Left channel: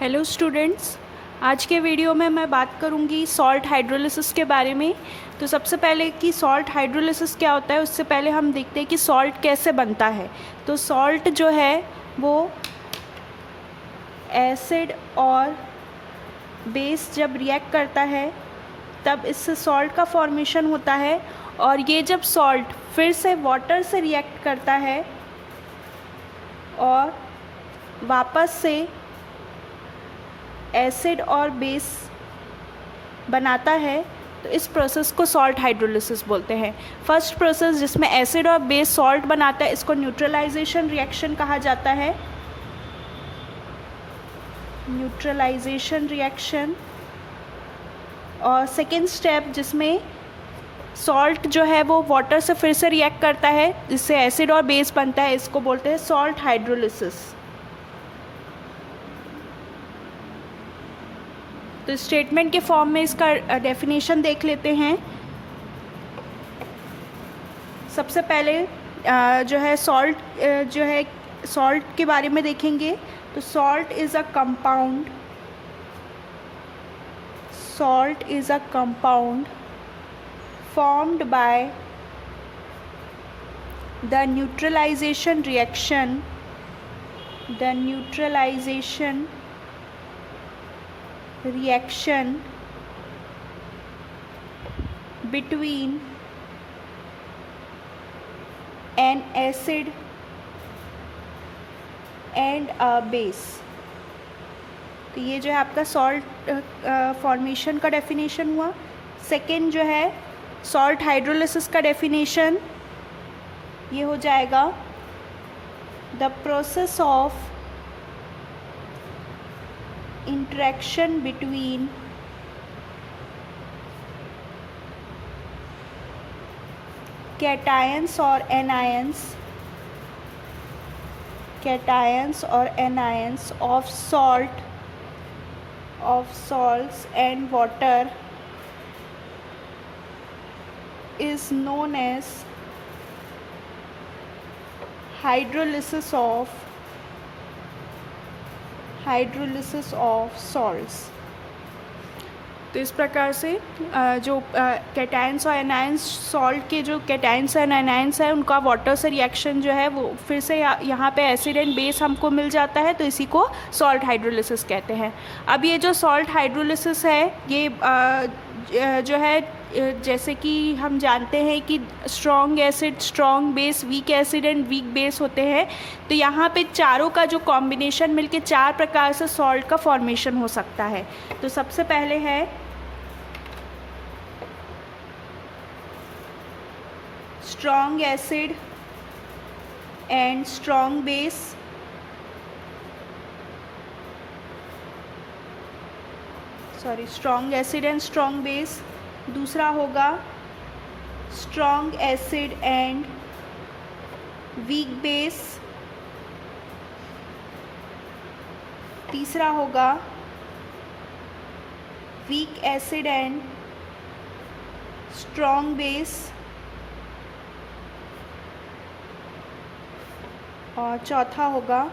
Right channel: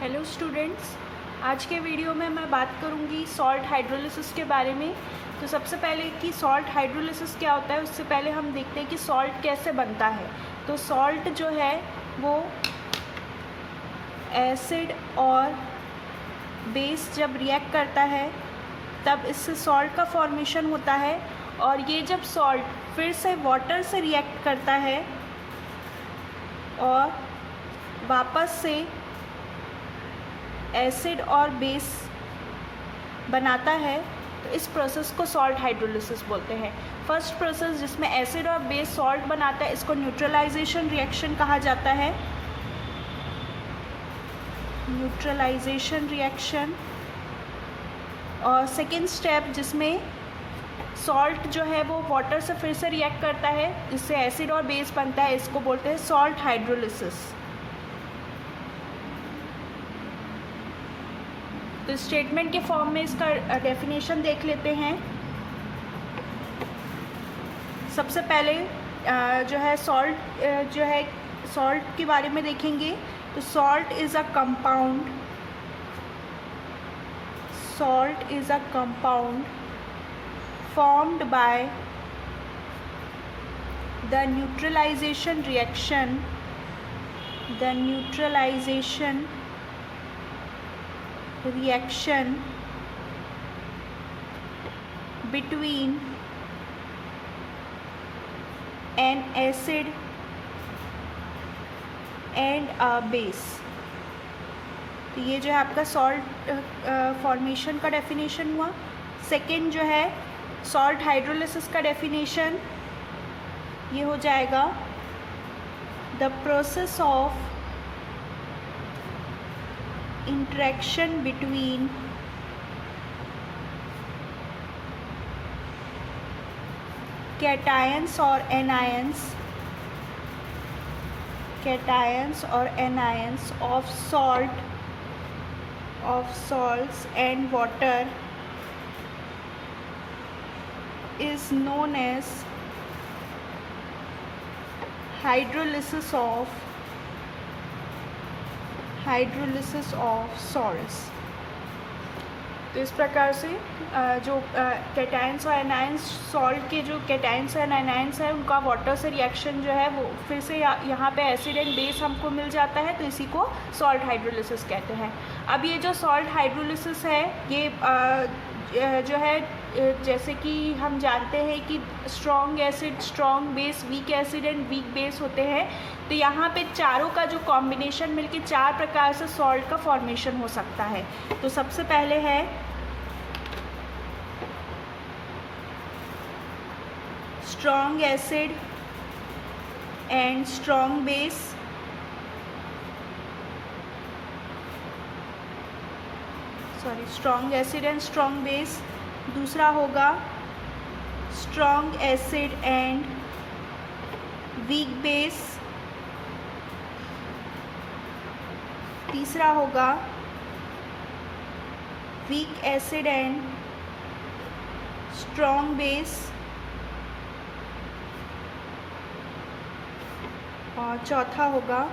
Hello students, आज के video में मैं बात करूंगी सॉल्ट हाइड्रोलिसिस के बारे में। तो सबसे पहले कि सॉल्ट हाइड्रोलिसिस क्या होता है, उससे पहले हम देखते हैं कि सॉल्ट कैसे बनता है। तो सॉल्ट जो है वो एसिड और बेस जब रिएक्ट करता है तब इससे सॉल्ट का फॉर्मेशन होता है, और ये जब सॉल्ट फिर से वाटर से रिएक्ट करता है और वापस से एसिड और बेस बनाता है, तो इस प्रोसेस को सॉल्ट हाइड्रोलिसिस बोलते हैं। फर्स्ट प्रोसेस जिसमें एसिड और बेस सॉल्ट बनाता है, इसको न्यूट्रलाइजेशन रिएक्शन कहा जाता है। Neutralisation reaction. और सेकेंड स्टेप जिसमें सॉल्ट जो है वो वाटर से फिर से रिएक्ट करता है, जिससे एसिड और बेस बनता है, इसको बोलते हैं सॉल्ट हाइड्रोलिसिस। तो स्टेटमेंट के फॉर्म में इसका डेफिनेशन देख लेते हैं। सबसे पहले जो है सॉल्ट के बारे में देखेंगे। तो salt is a compound formed by the neutralization reaction between an acid and a base। तो ये जो है आपका सॉल्ट फॉर्मेशन का डेफिनेशन हुआ। सेकेंड जो है सॉल्ट हाइड्रोलिसिस का डेफिनेशन, ये हो जाएगा the process of interaction between cations or anions of salts and water is known as hydrolysis of salts। तो इस प्रकार से जो कैटायंस और एनायंस, सॉल्ट के जो कैटायंस और एनायंस है, उनका वाटर से रिएक्शन जो है वो फिर से यहाँ पे एसिड एंड बेस हमको मिल जाता है, तो इसी को सॉल्ट हाइड्रोलिसिस कहते हैं। अब ये जो सॉल्ट हाइड्रोलिसिस है, ये जो है जैसे कि हम जानते हैं कि strong acid, strong base, weak acid and weak base होते हैं। तो यहाँ पे चारों का जो कॉम्बिनेशन मिलके 4 प्रकार से सॉल्ट का फॉर्मेशन हो सकता है। तो सबसे पहले है strong acid and strong base, strong acid and strong base. दूसरा होगा strong acid and weak base. तीसरा होगा weak acid and strong base. और चौथा होगा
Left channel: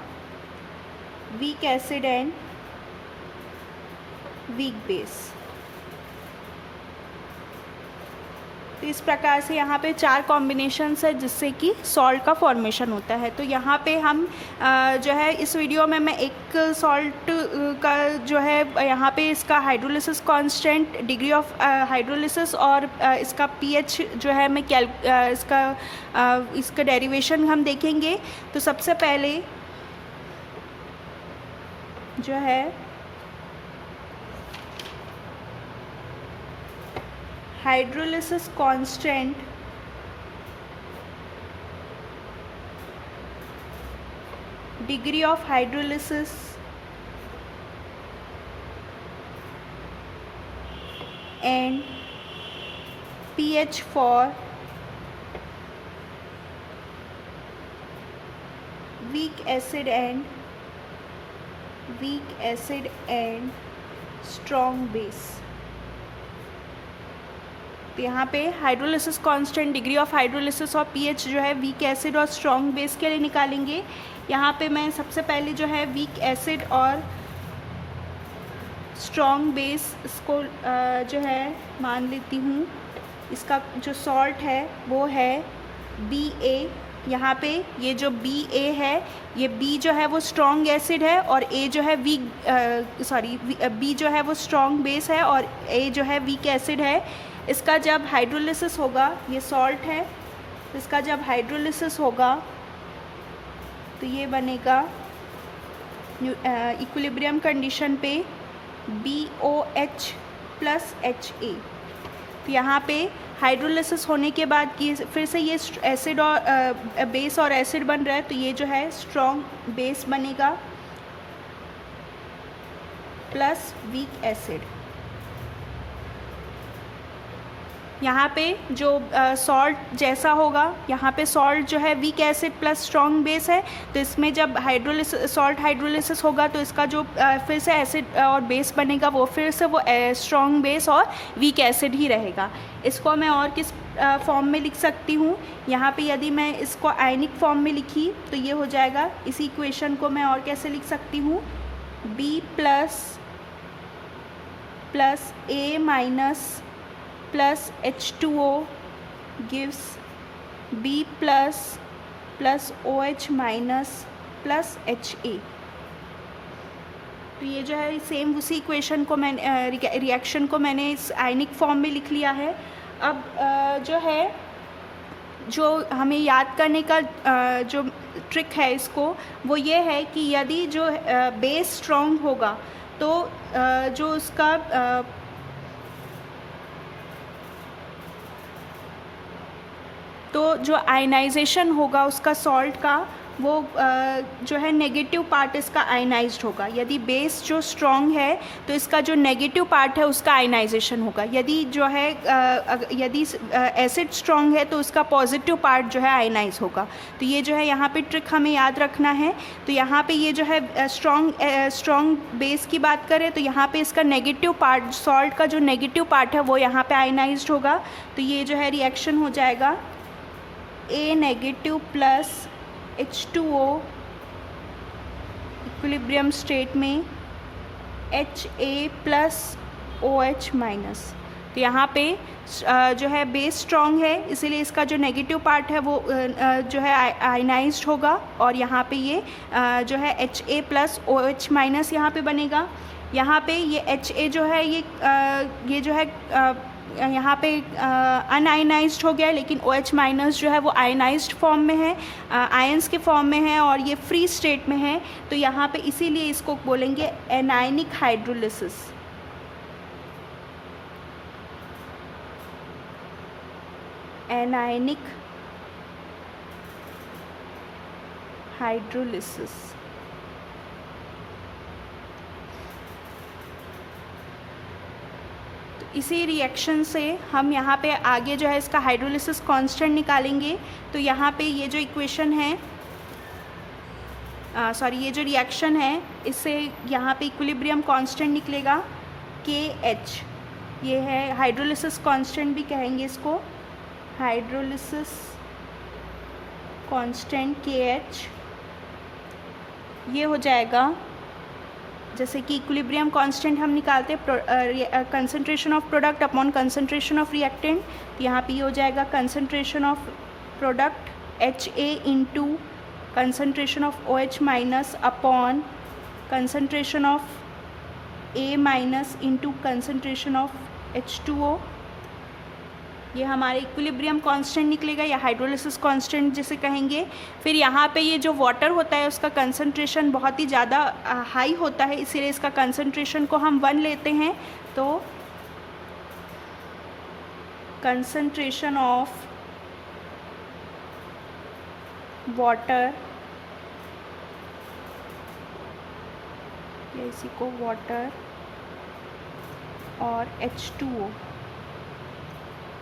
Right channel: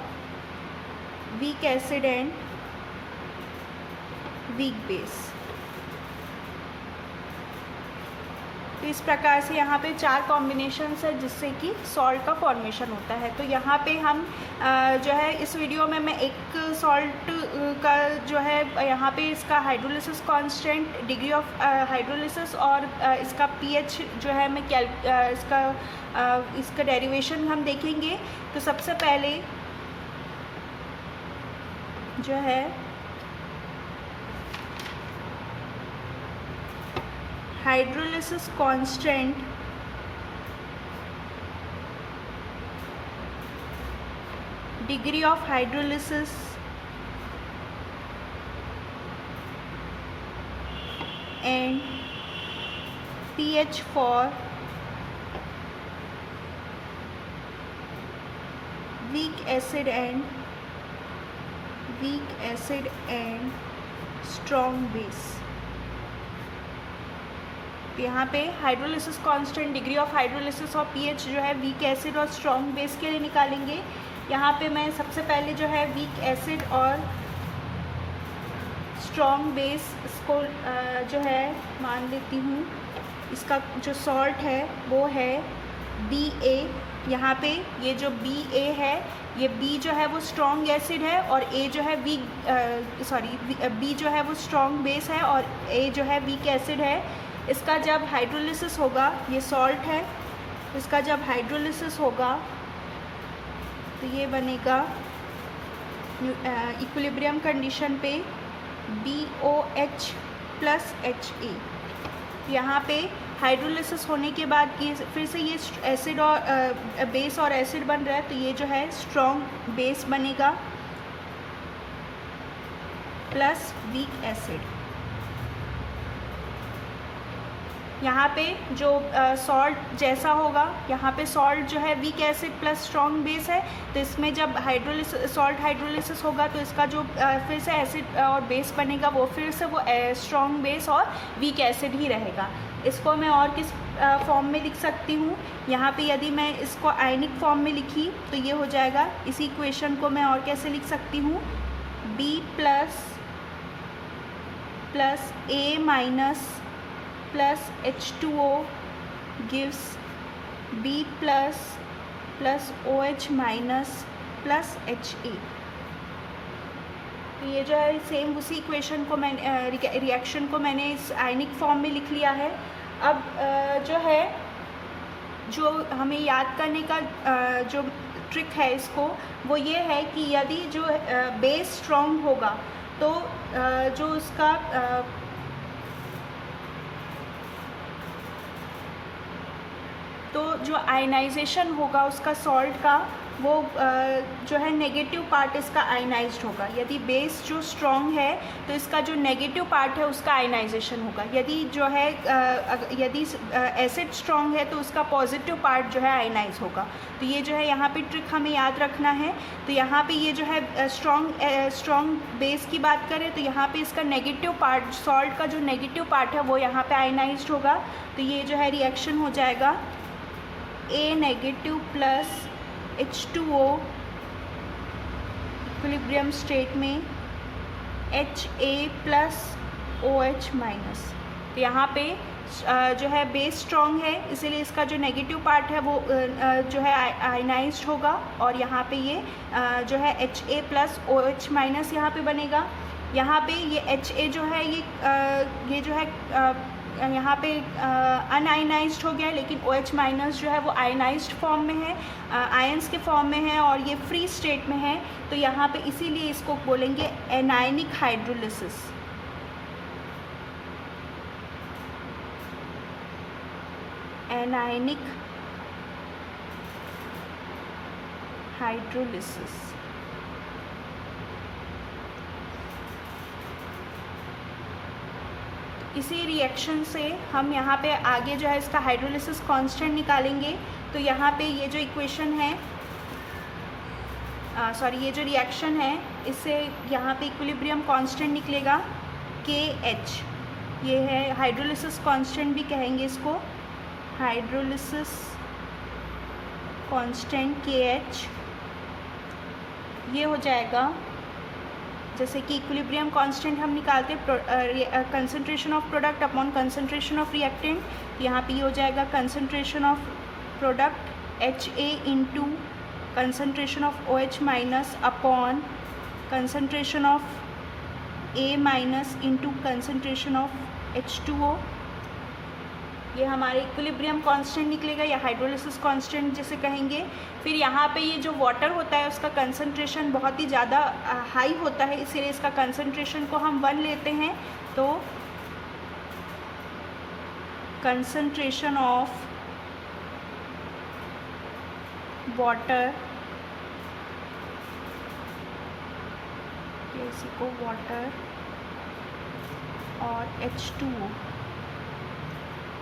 weak acid and weak base. तो इस प्रकार से यहाँ पे 4 कॉम्बिनेशंस है जिससे कि सॉल्ट का फॉर्मेशन होता है। तो यहाँ पे हम जो है इस वीडियो में मैं एक सॉल्ट का जो है यहाँ पे इसका hydrolysis constant, degree of hydrolysis और इसका पीएच जो है मैं इसका डेरिवेशन हम देखेंगे। तो सबसे पहले जो है hydrolysis constant degree of hydrolysis and pH for weak acid and strong base। तो यहाँ पे hydrolysis constant, degree of hydrolysis और पीएच जो है वीक एसिड और स्ट्रॉन्ग बेस के लिए निकालेंगे। यहाँ पे मैं सबसे पहले जो है वीक एसिड और स्ट्रॉन्ग बेस इसको जो है मान लेती हूँ, इसका जो सॉल्ट है वो है BA। यहाँ पे ये जो BA है, ये B जो है वो स्ट्रॉन्ग एसिड है और A जो है B जो है वो स्ट्रॉन्ग बेस है और A जो है वीक एसिड है। इसका जब हाइड्रोलिसिस होगा, ये सॉल्ट है, इसका जब हाइड्रोलिसिस होगा तो ये बनेगा इक्विलिब्रियम कंडीशन पे BOH + HA। तो यहाँ पे हाइड्रोलिसिस होने के बाद ये फिर से ये एसिड और बेस और एसिड बन रहा है, तो ये जो है स्ट्रॉन्ग बेस बनेगा प्लस वीक एसिड। यहाँ पे जो सॉल्ट जैसा होगा, यहाँ पे सॉल्ट जो है weak acid plus strong base है, तो इसमें जब सॉल्ट हाइड्रोलिसिस होगा तो इसका जो फिर से एसिड और बेस बनेगा वो फिर से वो स्ट्रॉन्ग बेस और वीक एसिड ही रहेगा। इसको मैं और किस फॉर्म में लिख सकती हूँ, यहाँ पे यदि मैं इसको आयनिक फॉर्म में लिखी तो ये हो जाएगा। इसी इक्वेशन को मैं और कैसे लिख सकती हूँ, B plus A- plus H2O gives B plus OH minus plus HA। तो ये जो है सेम उसी इक्वेशन को मैंने रिएक्शन को मैंने इस आयनिक फॉर्म में लिख लिया है। अब जो है, जो हमें याद करने का जो ट्रिक है इसको, वो ये है कि यदि जो बेस स्ट्रॉन्ग होगा तो जो उसका तो जो आयनाइजेशन होगा उसका सॉल्ट का, वो जो है नेगेटिव पार्ट इसका आयनाइज्ड होगा। यदि बेस जो स्ट्रॉन्ग है तो इसका जो नेगेटिव पार्ट है उसका आयनाइजेशन होगा। यदि जो है यदि एसिड स्ट्रॉन्ग है तो उसका पॉजिटिव पार्ट जो है आयनाइज होगा। तो ये जो है यहाँ पे ट्रिक हमें याद रखना है। तो यहाँ पे ये जो है स्ट्रॉन्ग बेस की बात करें तो यहाँ पे इसका नेगेटिव पार्ट, सॉल्ट का जो नेगेटिव पार्ट है वो यहाँ पे आयनाइज्ड होगा। तो ये जो है रिएक्शन हो जाएगा A- plus H2O equilibrium state में HA प्लस OH माइनस। तो यहाँ पे जो है बेस स्ट्रॉन्ग है, इसीलिए इसका जो नेगेटिव पार्ट है वो जो है आयनाइज्ड होगा और यहाँ पे ये जो है HA प्लस OH माइनस यहाँ पे बनेगा। यहाँ पे ये HA जो है ये जो है यहाँ पे अनआयनाइज्ड हो गया, लेकिन OH माइनस जो है वो आयनाइज्ड फॉर्म में है, आयंस के फॉर्म में है और ये फ्री स्टेट में है। तो यहाँ पे इसीलिए इसको बोलेंगे एनायनिक हाइड्रोलिसिस। Anionic hydrolysis. इसी रिएक्शन से हम यहाँ पे आगे जो है इसका हाइड्रोलिसिस कांस्टेंट निकालेंगे। तो यहाँ पे ये जो इक्वेशन है, ये जो रिएक्शन है, इससे यहाँ पे इक्विलिब्रियम कांस्टेंट निकलेगा KH। ये है हाइड्रोलिसिस कांस्टेंट भी कहेंगे इसको, हाइड्रोलिसिस कांस्टेंट KH। ये हो जाएगा, जैसे कि इक्विलिब्रियम कांस्टेंट हम निकालते हैं concentration of product upon concentration of reactant. तो यहाँ पे ये हो जाएगा concentration of product HA into concentration of OH minus upon concentration of A minus into concentration of H2O। ये हमारे इक्विलिब्रियम कांस्टेंट निकलेगा या हाइड्रोलिसिस कांस्टेंट जिसे कहेंगे। फिर यहाँ पे ये जो वाटर होता है उसका कंसंट्रेशन बहुत ही ज़्यादा हाई होता है, इसीलिए इसका कंसंट्रेशन को हम 1 लेते हैं। तो कंसंट्रेशन ऑफ वाटर, इसी को वाटर और H2O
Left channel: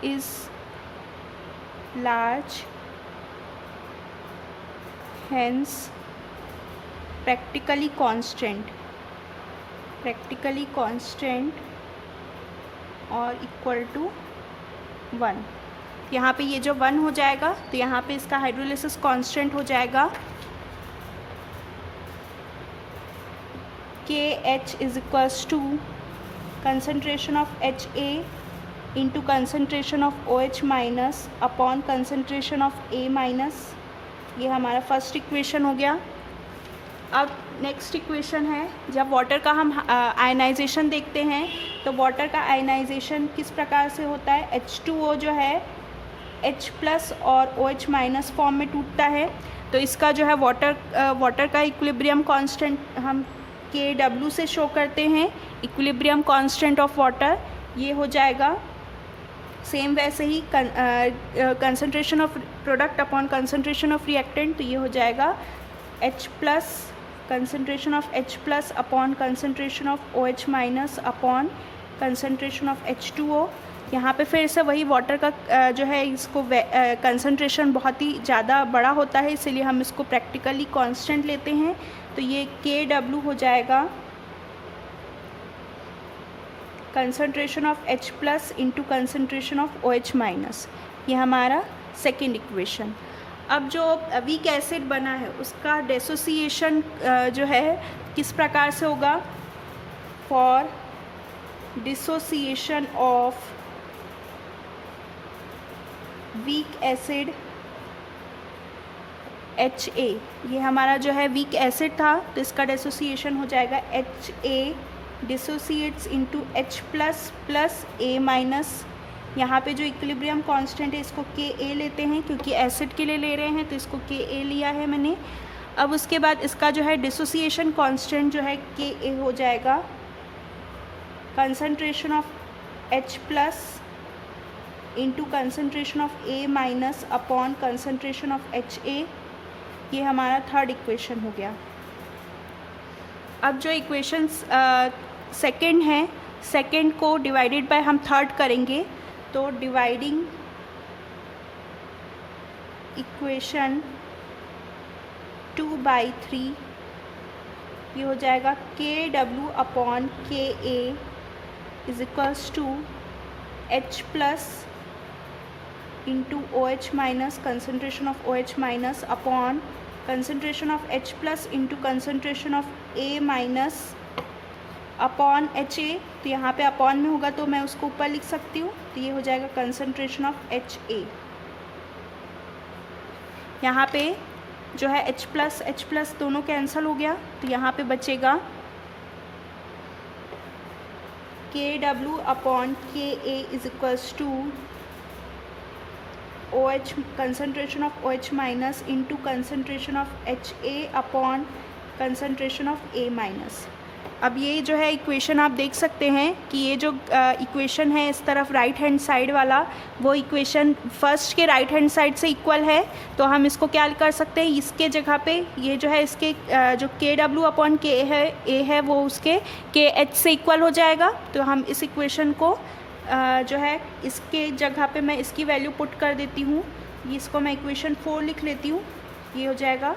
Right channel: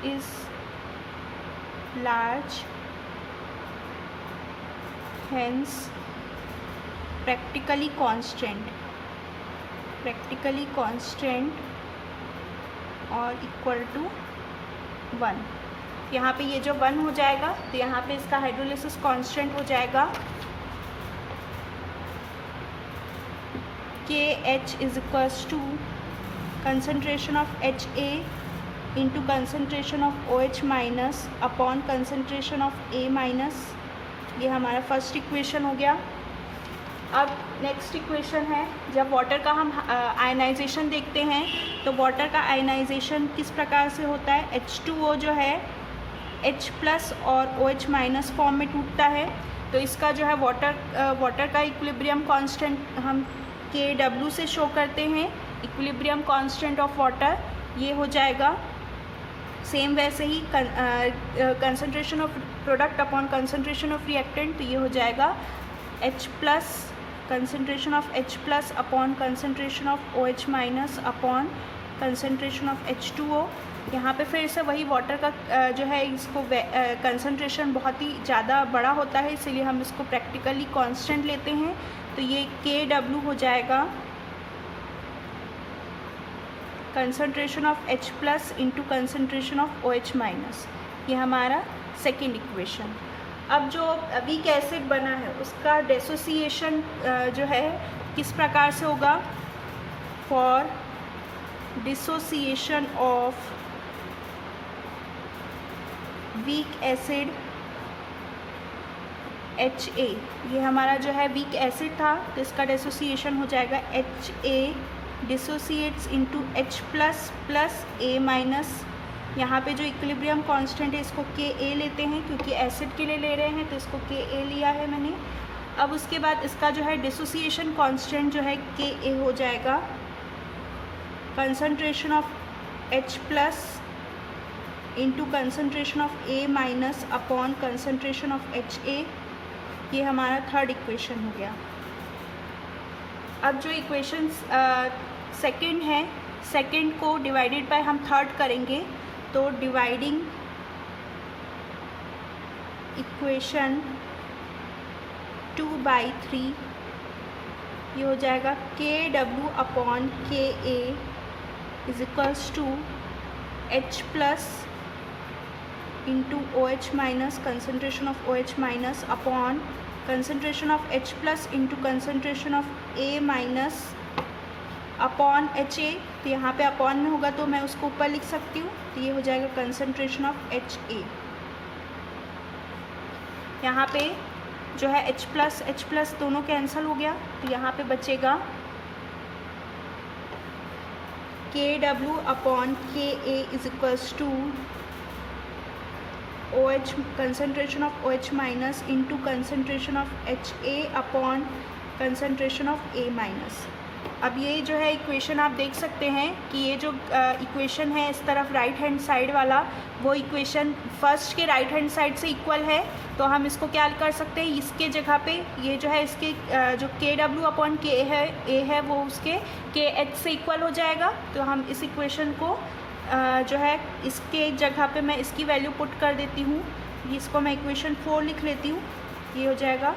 is large, hence practically constant और equal to 1। यहाँ पे ये जो 1 हो जाएगा तो यहाँ पे इसका हाइड्रोलिसिस कांस्टेंट हो जाएगा KH is equals to concentration of HA into concentration of OH minus upon concentration of A minus. ये हमारा फर्स्ट इक्वेशन हो गया। अब नेक्स्ट इक्वेशन है, जब वाटर का हम आयनाइजेशन देखते हैं तो वाटर का आयनाइजेशन किस प्रकार से होता है। H2O जो है H प्लस और OH माइनस फॉर्म में टूटता है। तो इसका जो है वाटर का इक्विलिब्रियम कांस्टेंट हम Kw से शो करते हैं, इक्विलिब्रियम कांस्टेंट ऑफ वाटर। ये हो जाएगा सेम वैसे ही concentration of product upon concentration of reactant. तो ये हो जाएगा H plus concentration of H plus upon concentration of OH minus upon concentration of H2O। यहाँ पे फिर से वही वाटर का जो है इसको कंसनट्रेशन बहुत ही ज़्यादा बड़ा होता है, इसलिए हम इसको प्रैक्टिकली कांस्टेंट लेते हैं। तो ये Kw हो जाएगा concentration of H plus into concentration of OH minus. ये हमारा सेकेंड इक्वेशन। अब जो वीक एसिड बना है उसका डिसोसिएशन जो है किस प्रकार से होगा। For dissociation of weak acid HA, ये हमारा जो है वीक एसिड था, तो इसका डिसोसिएशन हो जाएगा HA dissociates into H plus plus A minus. यहाँ पे जो इक्विलिब्रियम कांस्टेंट है इसको Ka लेते हैं, क्योंकि एसिड के लिए ले रहे हैं तो इसको Ka लिया है मैंने। अब उसके बाद इसका जो है डिसोसिएशन कांस्टेंट जो है Ka हो जाएगा concentration of H plus into concentration of A minus upon concentration of HA। ये हमारा थर्ड इक्वेशन हो गया। अब जो इक्वेशन सेकेंड है, सेकेंड को डिवाइडेड बाय हम थर्ड करेंगे, तो डिवाइडिंग इक्वेशन 2/3 ये हो जाएगा Kw upon Ka is equals to H plus into OH minus concentration of OH minus upon concentration of H plus into concentration of A minus upon HA। तो यहाँ पे upon में होगा तो मैं उसको ऊपर लिख सकती हूँ, तो ये हो जाएगा कंसनट्रेशन ऑफ HA। यहाँ पे जो है H प्लस दोनों कैंसिल हो गया, तो यहाँ पे बचेगा Kw upon Ka is equals to OH concentration of OH minus into concentration of HA upon concentration of A minus. अब ये जो है इक्वेशन आप देख सकते हैं कि ये जो इक्वेशन है इस तरफ राइट हैंड साइड वाला, वो इक्वेशन फर्स्ट के राइट हैंड साइड से इक्वल है। तो हम इसको क्या कर सकते हैं, इसके जगह पे ये जो है इसके जो Kw अपॉन K है A है वो उसके KH से इक्वल हो जाएगा। तो हम इस इक्वेशन को जो है इसके जगह पे मैं इसकी वैल्यू पुट कर देती हूँ। इसको मैं इक्वेशन 4 लिख लेती हूँ। ये हो जाएगा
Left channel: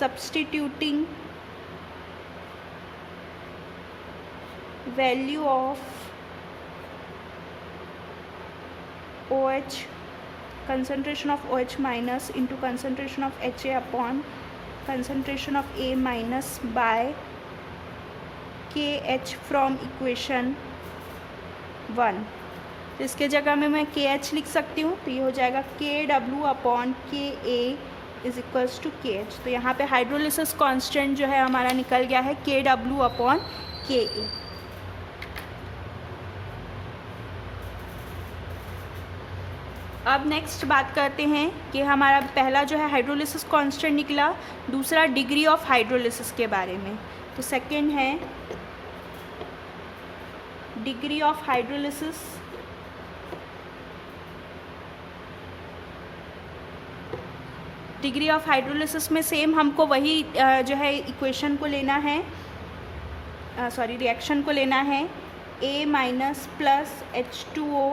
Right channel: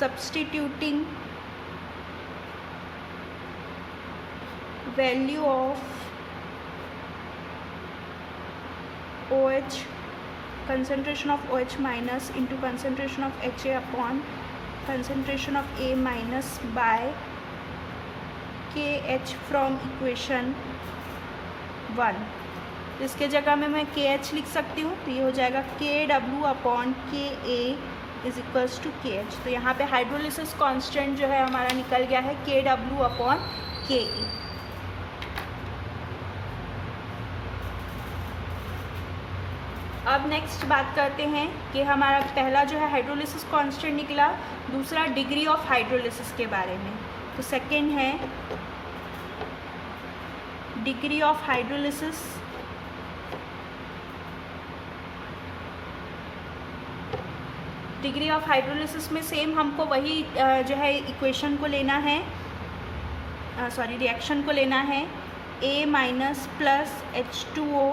substituting value of OH concentration of OH minus into concentration of HA upon concentration of A minus by KH from equation 1। तो इसके जगह में मैं KH लिख सकती हूँ, तो ये हो जाएगा KW upon KA is equals to KH। तो यहाँ पे हाइड्रोलिसिस कांस्टेंट जो है हमारा निकल गया है KW अपॉन KA। अब नेक्स्ट बात करते हैं कि हमारा पहला जो है हाइड्रोलिसिस कांस्टेंट निकला, दूसरा डिग्री ऑफ हाइड्रोलिसिस के बारे में। तो सेकंड है degree of hydrolysis. Degree of hydrolysis में सेम हमको वही जो है इक्वेशन को लेना है, रिएक्शन को लेना है। A minus plus H2O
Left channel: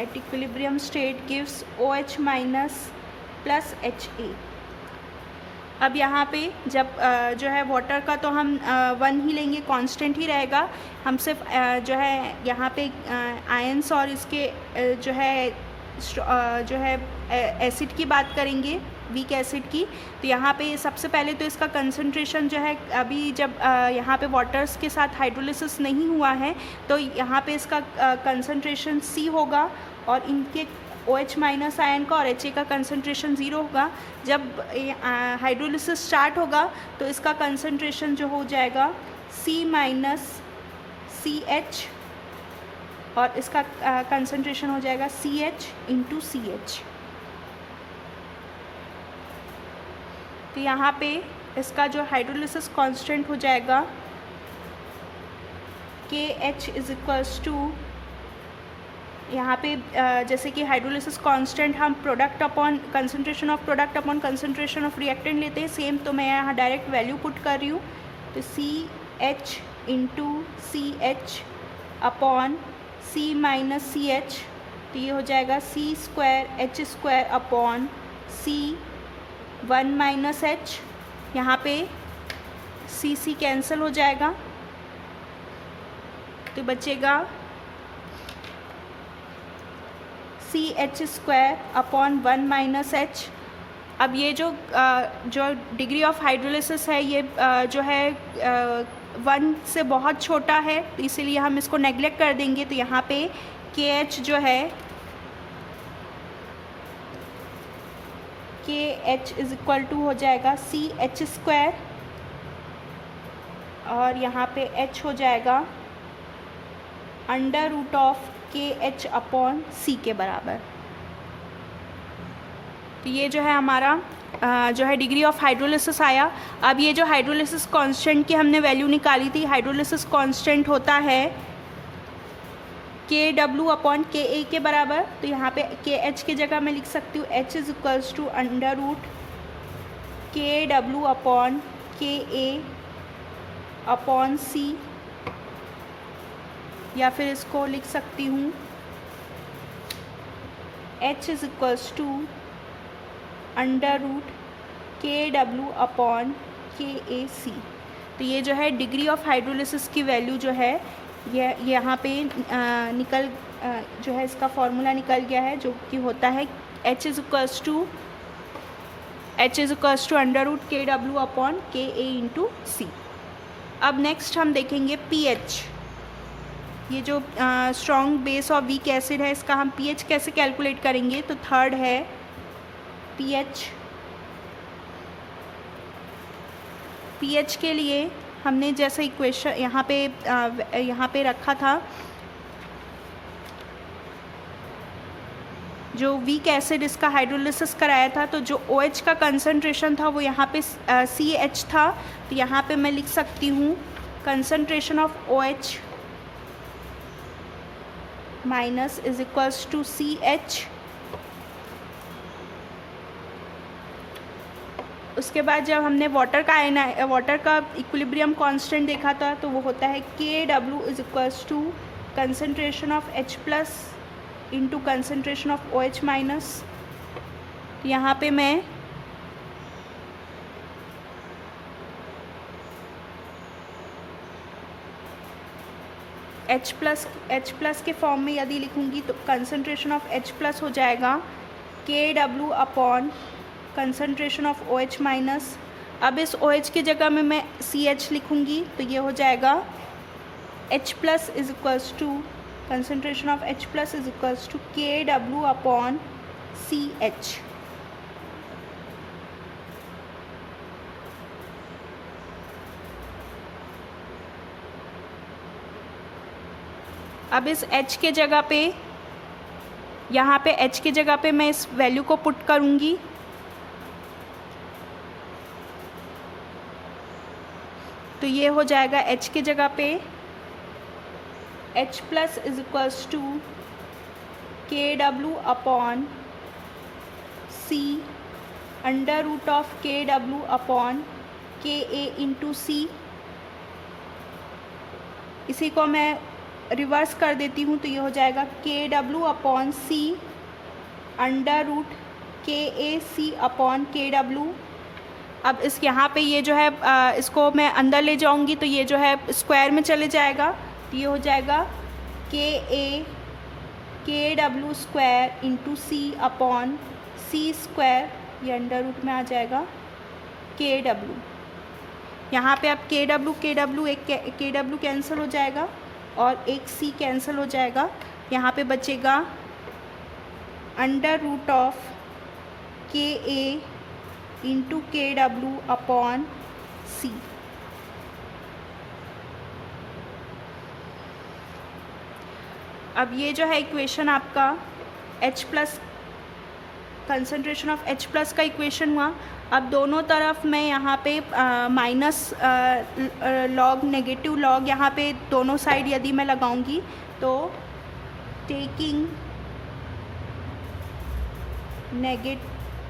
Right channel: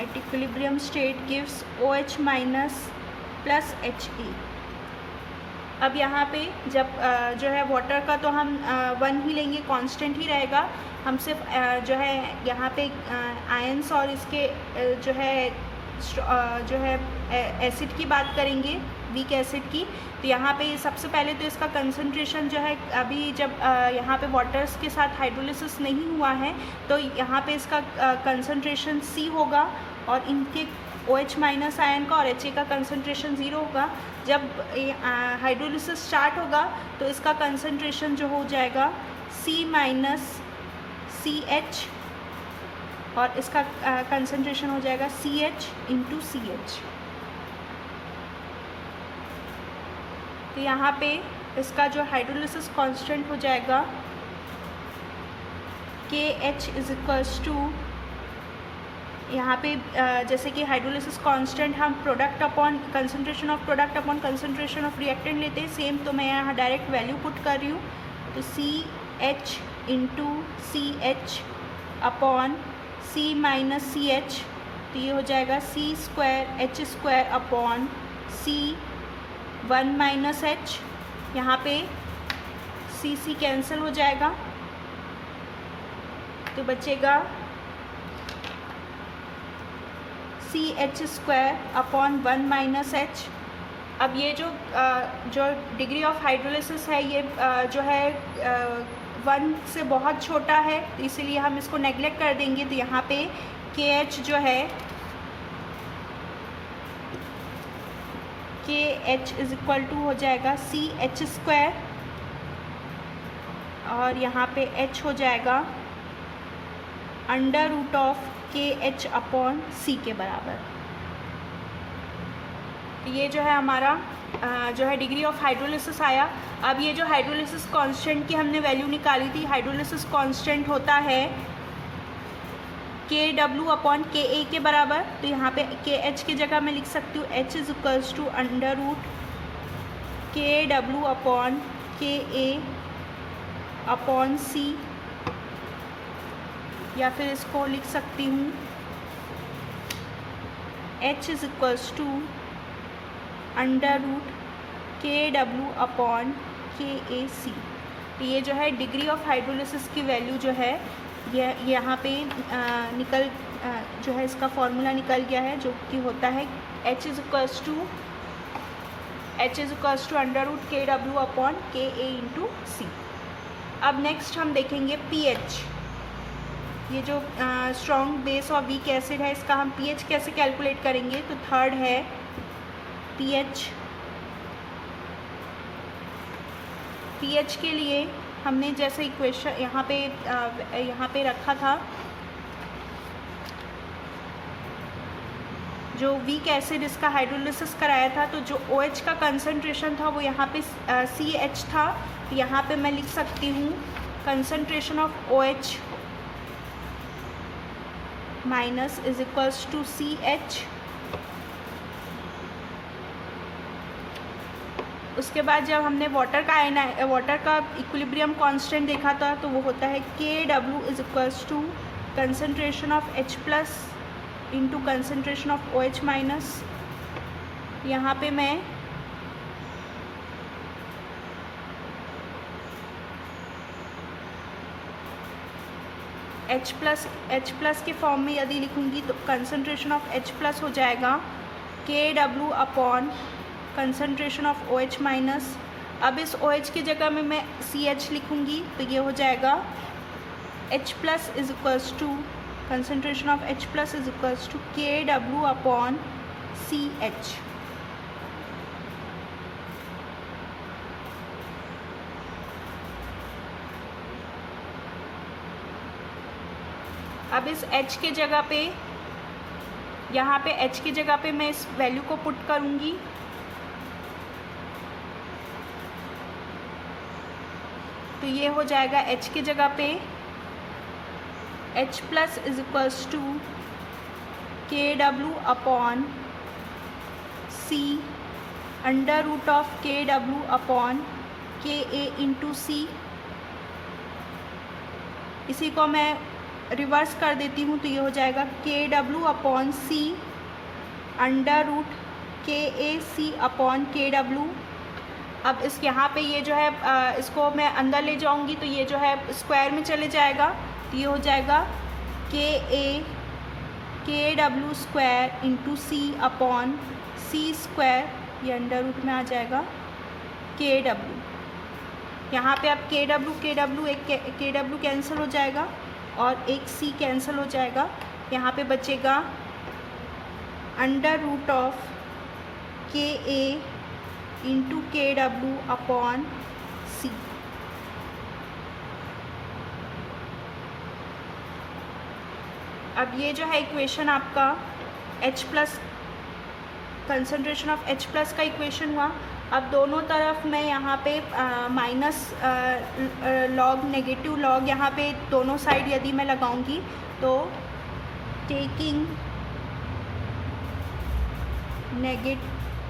at equilibrium state gives OH minus plus HA। अब यहाँ पे जब जो है वाटर का तो हम 1 ही लेंगे, कांस्टेंट ही रहेगा। हम सिर्फ जो है यहाँ पे आयंस और इसके जो है जो है एसिड की बात करेंगे, वीक एसिड की, तो यहाँ पे सबसे पहले तो इसका कंसंट्रेशन जो है, अभी जब यहाँ पे वाटर्स के साथ हाइड्रोलिसिस नहीं हुआ है तो यहाँ पे इसका कंसंट्रेशन C होगा और इनके OH माइनस आयन का और HA का कंसंट्रेशन 0 होगा। जब हाइड्रोलिसिस स्टार्ट होगा तो इसका कंसंट्रेशन जो हो जाएगा C माइनस CH और इसका कंसंट्रेशन हो जाएगा CH इंटू CH। तो यहाँ पे इसका जो हाइड्रोलिसिस कांस्टेंट हो जाएगा KH इज इक्वल्स टू, यहाँ पे जैसे कि हाइड्रोलिसिस कांस्टेंट हम product upon concentration of product upon concentration of reactant लेते हैं, सेम तो मैं यहाँ डायरेक्ट वैल्यू पुट कर रही हूँ। तो CH into CH upon C minus CH, तो ये हो जाएगा C square H square upon C 1 minus H, यहाँ पे C कैंसिल हो जाएगा तो बचेगा CH square upon 1 minus H। अब ये जो डिग्री ऑफ हाइड्रोलिसिस है ये जो है 1 से बहुत छोटा है, तो इसीलिए हम इसको नेग्लेक्ट कर देंगे। तो यहाँ पे KH जो है KH इज इक्वल टू हो जाएगा CH स्क्वायर और यहाँ पे H हो जाएगा under root of KH upon C के बराबर। तो ये जो है हमारा जो है डिग्री ऑफ हाइड्रोलिसिस आया। अब ये जो हाइड्रोलिसिस कांस्टेंट की हमने वैल्यू निकाली थी, हाइड्रोलिसिस कांस्टेंट होता है KW अपॉन KA के बराबर। तो यहाँ पे KH की जगह मैं लिख सकती हूँ H is equals to under root KW upon KA upon C, या फिर इसको लिख सकती हूँ H is equals to under root KW upon KAC। तो ये जो है डिग्री ऑफ हाइड्रोलिसिस की वैल्यू जो है ये यहाँ पे निकल जो है इसका फॉर्मूला निकल गया है, जो कि होता है H is equals to under root KW upon KA into C। अब नेक्स्ट हम देखेंगे pH। ये जो स्ट्रॉन्ग बेस और वीक एसिड है इसका हम pH कैसे कैलकुलेट करेंगे। तो थर्ड है pH के लिए हमने जैसे इक्वेशन यहाँ पे रखा था, जो वीक एसिड इसका हाइड्रोलिसिस कराया था, तो जो OH का कंसंट्रेशन था वो यहाँ पे CH था। तो यहाँ पे मैं लिख सकती हूँ concentration of OH minus is equals to CH। उसके बाद जब हमने वाटर का इक्विलिब्रियम कांस्टेंट देखा था तो वो होता है KW is equals to concentration of H plus into concentration of OH minus. यहाँ पे मैं H प्लस के फॉर्म में यदि लिखूँगी तो कंसंट्रेशन ऑफ H प्लस हो जाएगा KW upon concentration of OH minus. अब इस OH की जगह में मैं CH लिखूँगी तो ये हो जाएगा H plus is equals to concentration of H plus is equals to KW upon CH। अब इस H के जगह पे, यहाँ पे H की जगह पे मैं इस वैल्यू को पुट करूँगी। तो ये हो जाएगा H की जगह पे H plus is equals to KW upon C under root of KW upon KA into C। इसी को मैं रिवर्स कर देती हूँ तो ये हो जाएगा KW upon C under root KAC upon KW। अब इस यहाँ पे ये जो है इसको मैं अंदर ले जाऊँगी तो ये जो है स्क्वायर में चले जाएगा, तो ये हो जाएगा KA KW square into C upon C square, ये अंडर रूट में आ जाएगा KW। यहाँ पे अब KW एक KW कैंसिल हो जाएगा और एक C कैंसिल हो जाएगा। यहाँ पे बचेगा under root of KA into KW upon C। अब ये जो है इक्वेशन आपका H plus, concentration of H plus का इक्वेशन हुआ। अब दोनों तरफ मैं यहाँ पे माइनस लॉग, नेगेटिव लॉग यहाँ पे दोनों साइड यदि मैं लगाऊंगी तो taking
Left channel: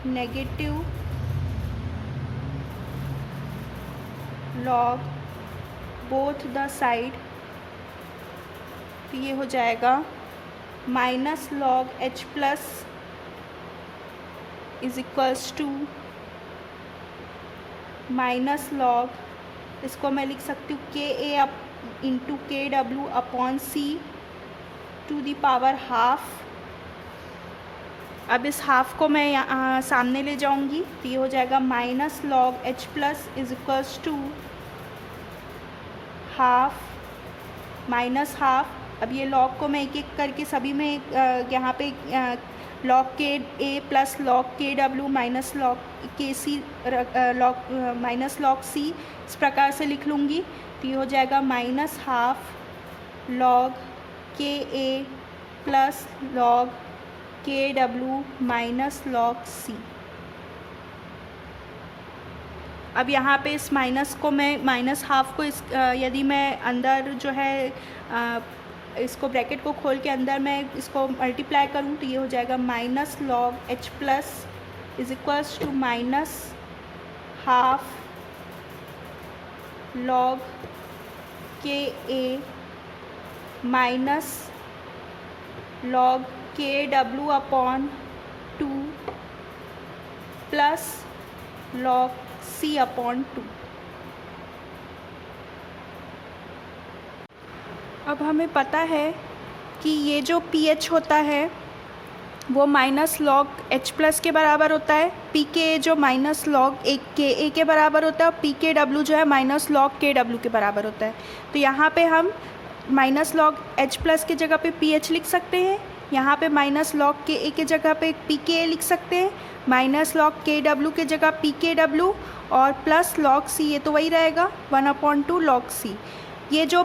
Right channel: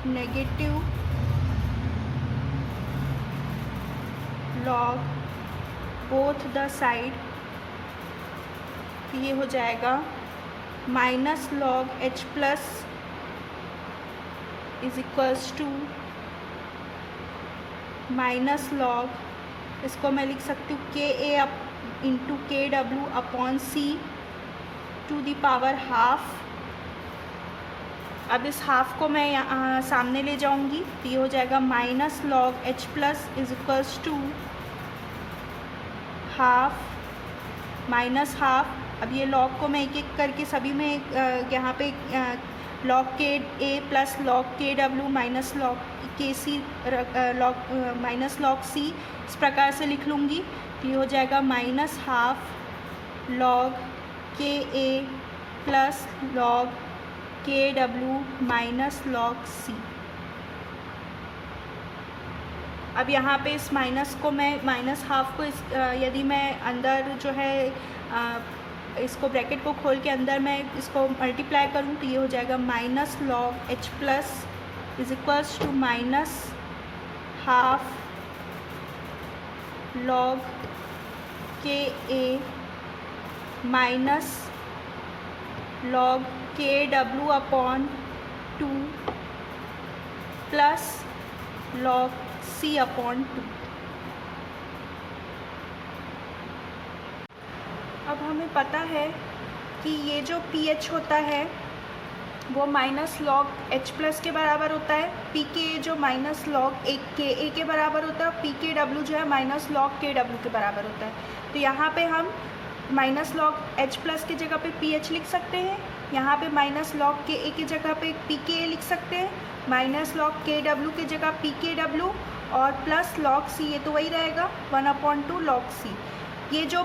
negative log both the side, तो ये हो जाएगा minus log H plus is equals to minus log, इसको मैं लिख सकती हूँ KA up into KW upon C to the power half. अब इस हाफ को मैं यहाँ सामने ले जाऊँगी तो ये हो जाएगा minus log H plus is equals to half minus half. अब ये लॉग को मैं एक एक करके सभी में यहाँ पे log KA plus log KW minus log KC log minus log C इस प्रकार से लिख लूँगी तो ये हो जाएगा minus half log KA plus log KW minus log C। अब यहाँ पे इस माइनस को मैं माइनस हाफ को इस यदि मैं अंदर जो है इसको ब्रैकेट को खोल के अंदर मैं इसको मल्टीप्लाई करूँ तो ये हो जाएगा minus log H plus is equals to minus half log KA minus log KW upon 2 plus log C upon 2। अब हमें पता है कि ये जो pH होता है वो माइनस लॉग H प्लस के बराबर होता है, pKa जो माइनस लॉग एक KA के बराबर होता है और pKW जो है माइनस लॉग KW के बराबर होता है। तो यहाँ पे हम माइनस लॉग H प्लस की जगह पे pH लिख सकते हैं, यहाँ पे माइनस लॉग KA की जगह पे pKa लिख सकते हैं, माइनस लॉग KW की जगह pKW और प्लस लॉग C, ये तो वही रहेगा 1/2 लॉग C। ये जो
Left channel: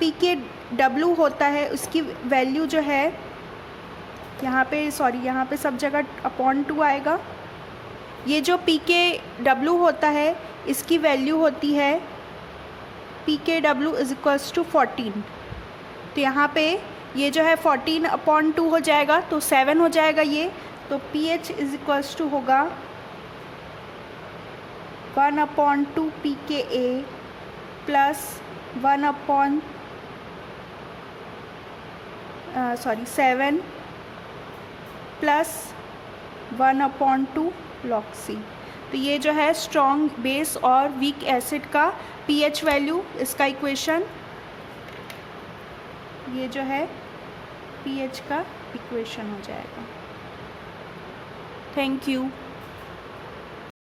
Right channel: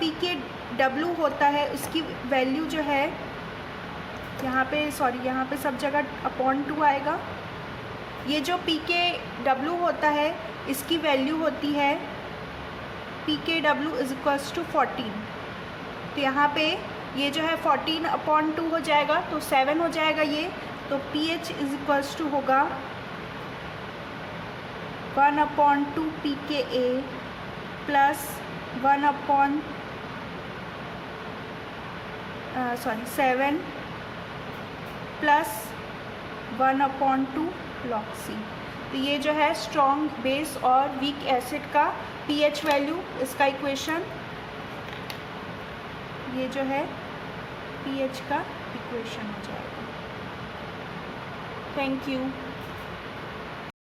pKW होता है उसकी वैल्यू जो है यहाँ पे यहाँ पे सब जगह अपॉन 2 आएगा। ये जो pKW होता है इसकी वैल्यू होती है pKW इज इक्वल्स टू 14। तो यहाँ पे ये जो है 14/2 हो जाएगा तो 7 हो जाएगा ये। तो pH इज इक्वल्स टू होगा 1/2 pKa plus 7 plus 1/2 log C। तो ये जो है स्ट्रॉन्ग बेस और वीक एसिड का pH वैल्यू, इसका इक्वेशन ये जो है pH का इक्वेशन हो जाएगा। Thank you.